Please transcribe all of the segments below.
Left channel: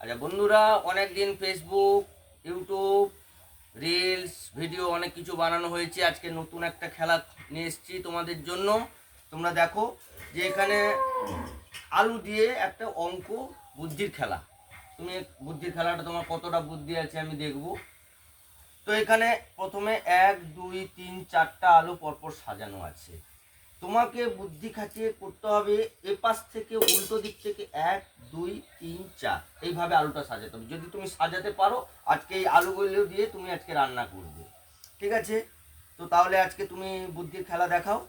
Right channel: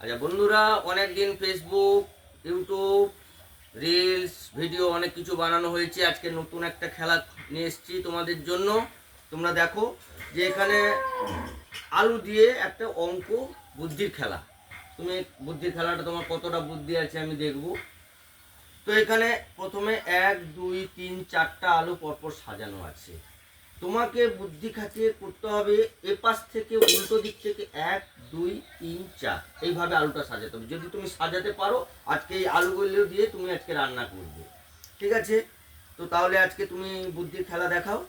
আচ্ছা বন্ধুরা অনেক দিন ফেসবুক ইউটিউব রিলস ভিডিও অনেক কিছু বানানো হয়েছে। আজকে নতুন একটা খেলা নিয়ে এসেছি তোমাদের জন্য। তোমরা দেখো যে এখানে আলু দিয়ে একটা অঙ্ক বুদ্ধির খেলা। তুমি বুদ্ধির খেলাটা তোমার কতটা বুদ্ধি আছে আমি দেখব। তো এখানে প্রথমে এক, দুই, তিন, চারটা আলু পরপর সাজানো আছে। তোমাকে বুদ্ধি খাটিয়ে করতে হবে এ পাশ থেকে উল্টো দিক থেকে এক, দুই, তিন, চার। এইভাবে আলুটা সাজাতে হবে। যদি তুমি সাজাতে পারো, আজকে এই আলুগুলো দিয়ে তুমি আজকে রান্না করবে। ঠিক আছে? তো তাহলে আজকে তুমি বুদ্ধির খেলা দেখাও।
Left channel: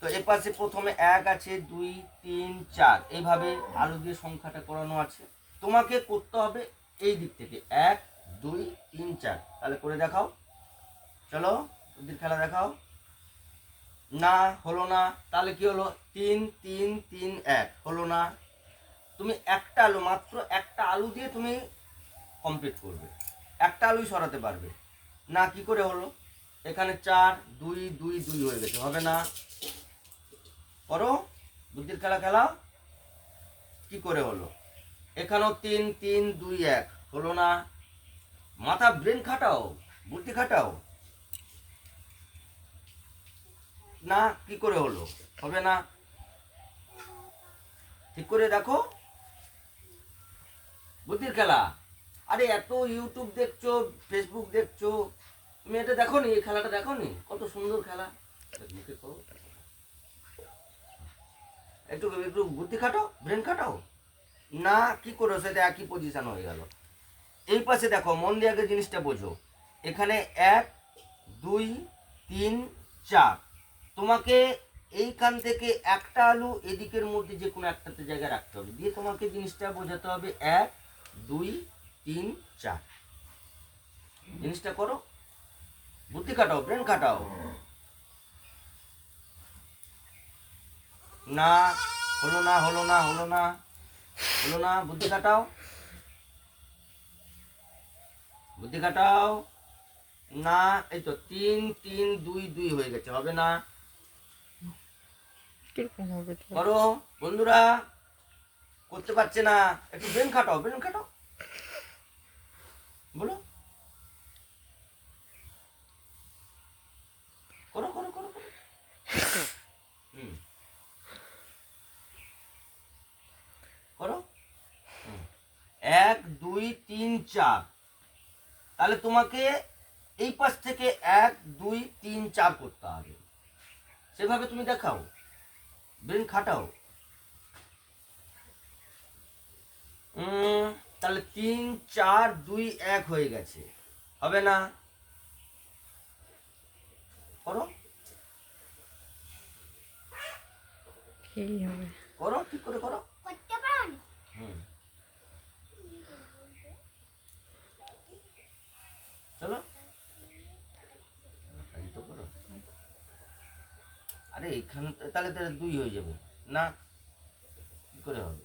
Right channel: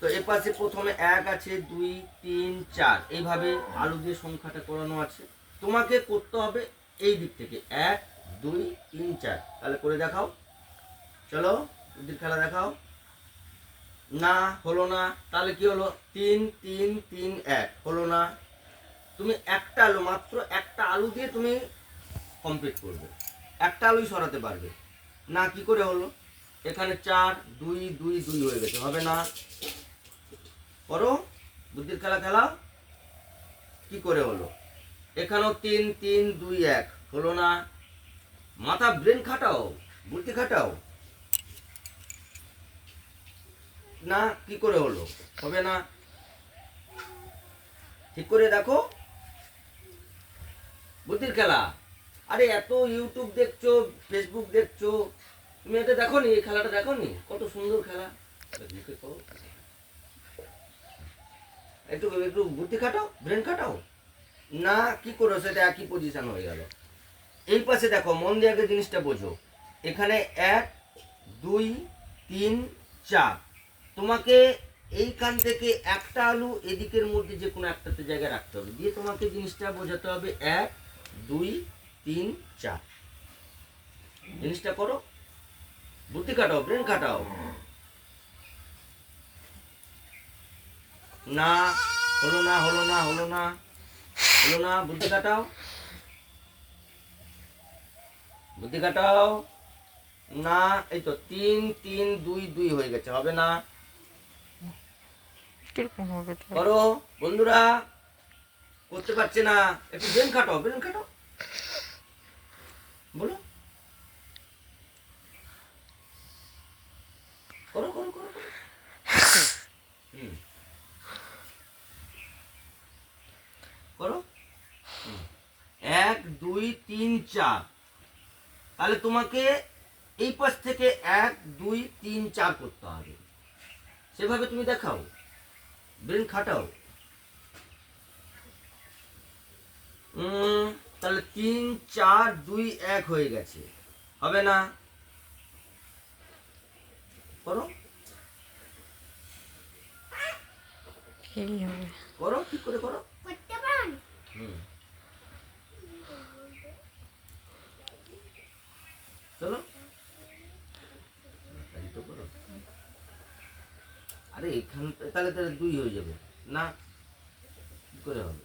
তো এ পাশে প্রথমে এক আছে, দুই, তিন, চার। এইভাবে আলু দিয়ে সংখ্যাটা করানো আছে। তোমাকে করতে হবে এই দিক থেকে এক, দুই, তিন, চার। তাহলে করে দেখাও। চলো, বুদ্ধির খেলা দেখাও। না, হলো না, তাহলে কি হলো? তিন তিন তিন, এক, হলো না। তুমি একটা আলু, মাত্র একটা আলু দিয়ে তুমি কমপ্লিট করবে। একটা আলুই সরাতে পারবে। না, কি করে হলো? এখানে চার, দুই দুই দুই হয়ে গেছে, হবে না। করো, বুদ্ধির খেলা খেলাও। কি করে হলো? এখানেও তিন তিন, দুই, এক, হলো না। মাথা ব্রেন খাটাও, বুদ্ধি খাটাও। না, কি করে হলো? হবে না? ঠিক করে দেখো। বুদ্ধির খেলা। আরে, এত ইউটিউব দেখছ ফেসবুক দেখছ। তুমি এটা দেখো নি এই খেলাটা দেখো নি কত সুন্দর খেলা। একটু একটু বুদ্ধি খাটাও, ব্রেন খাটাও। না, কি করো সেটা একই পজিশন হয়ে গেল। এই পাশে দেখো, মন দিয়ে আগে জিনিসটা বোঝো। এখানে এক, দুই, তিন, চার। তোমাকে এইখান থেকে একটা আলু এদিকের মধ্যে যে কোনো একটাতে জায়গায় রাখতে হবে। দিয়ে তোমাকে জিনিসটা বোঝাতে হবে এক, দুই, তিন, চার। জিনিসটা করো। বুদ্ধি কাটাও ব্রেন কাটাও না, হলো না হলো না হলো না হলো না, বুদ্ধি কাটাও বুদ্ধি কাটাও না, এই তো তিন তিন, দুই দুই হয়ে গেছে, হবে না? করো, বন্ধুরা, করতে পারছে না। একটু ব্রেন কাটাও ব্রেন কাটাও। বলো। করো করো করো করো। এক, দুই, তিন, চার। তাহলে তোমাকে এই পাশ থেকে এক, দুই, তিন, চার করতে হবে। সেভাবে তুমি দেখাও। ব্রেন খাটাও উম, তাহলে তিন চার দুই এক হয়ে গেছে। হবে না? করো। করো ঠিক করে করো। করতে পারো হুম চলো এই তো করো। আরে এখানে তাহলে তাহলে দুই হয়ে যাবে। না? কি করে হবে?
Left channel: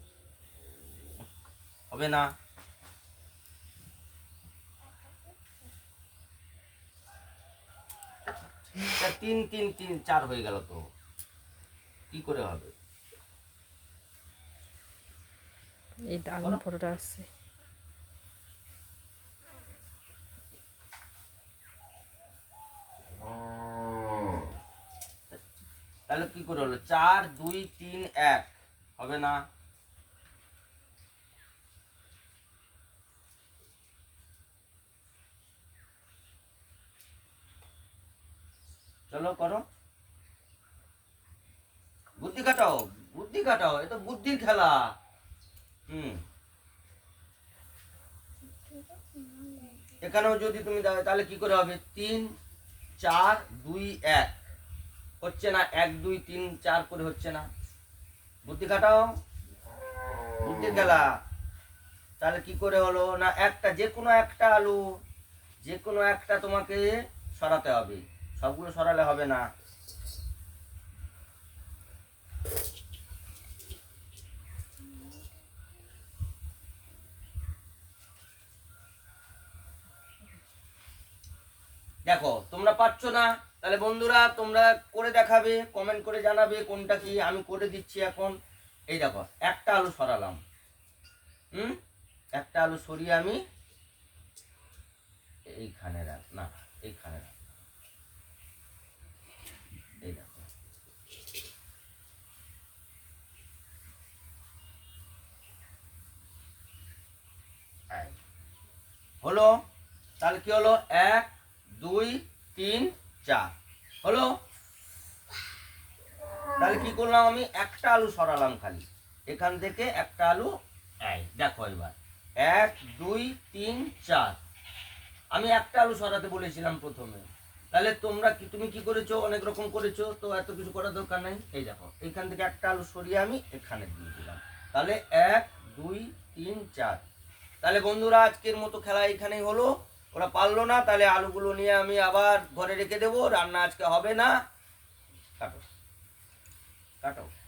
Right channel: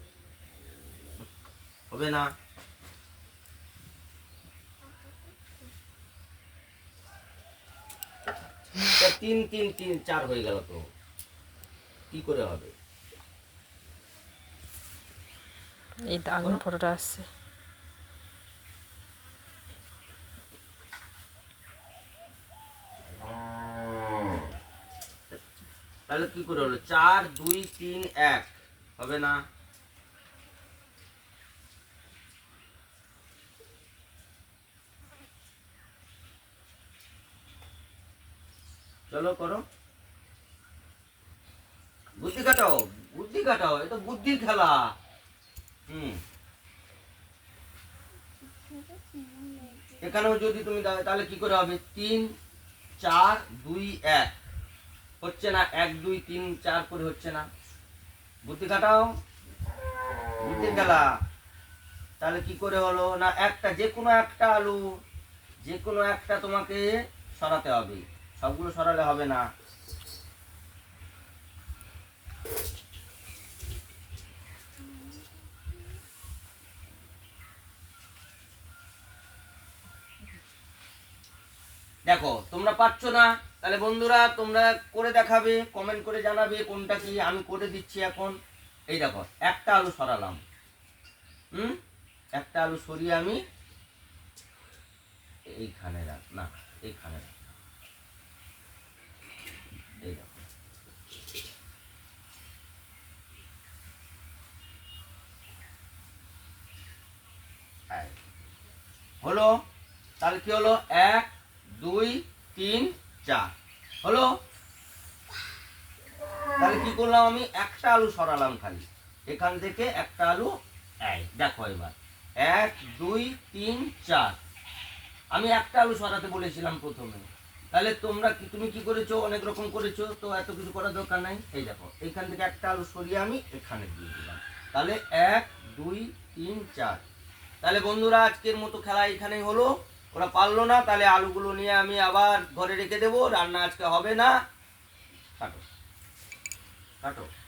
হবে না? তিন তিন তিন, চার হয়ে গেল তো। কি করে হবে? এই তো আগুন ফটোটা আসছে। তাহলে কি করে হলো? চার, দুই, তিন, এক। হবে না? চলো করো। বুদ্ধি কাটাও বুদ্ধি কাটাও এটা বুদ্ধির খেলা। হুম। এখানেও যদি তুমি তাহলে কি করে হবে? তিন, চার, দুই, এক। হচ্ছে না, এক, দুই, তিন, চার করে হচ্ছে না। বুদ্ধি কাটাও বুদ্ধি খেলা। তাহলে কি করে হলো? না, একটা, যে কোনো একটা আলু, যে কোনো একটা তোমাকে সরাতে হবে। সবগুলো সরালে হবে না। দেখো, তোমরা পাচ্ছ না, তাহলে বন্ধুরা তোমরা করে দেখাবে কমেন্ট করে জানাবে কোনটা কি, আমি করে দিচ্ছি এখন। এই দেখো, একটা আলু সরালাম। হুম? একটা আলু সরিয়ে আমি এইখানে রাখ, না, এইখানে রাখ। হলো, তাহলে কি হলো? এক দুই, তিন, চার। হলো? তাহলে কি করলাম আমি? একটা আলু সরালাম খালি। এখান থেকে একটা আলু দেখো এবার। এক, দুই, তিন, চার। আমি একটা আলু সরাতে বলেছিলাম প্রথমে। তাহলে তোমরা কি তুমি কি করেছ? অনেক রকম করেছ। তো এত কিছু করার দরকার নাই। এই দেখো এইখান থেকে একটা আলু সরিয়ে আমি এখানে দিয়ে দিলাম। তাহলে এক, দুই, তিন, চার। তাহলে বন্ধুরা, আজকের মতো খেলা এখানেই হলো। ওরা পারল না, তাহলে আলুগুলো নিয়ে আমি আবার ঘরে রেখে দেবো, রান্না আজকে হবে না। কাটো। কাটো।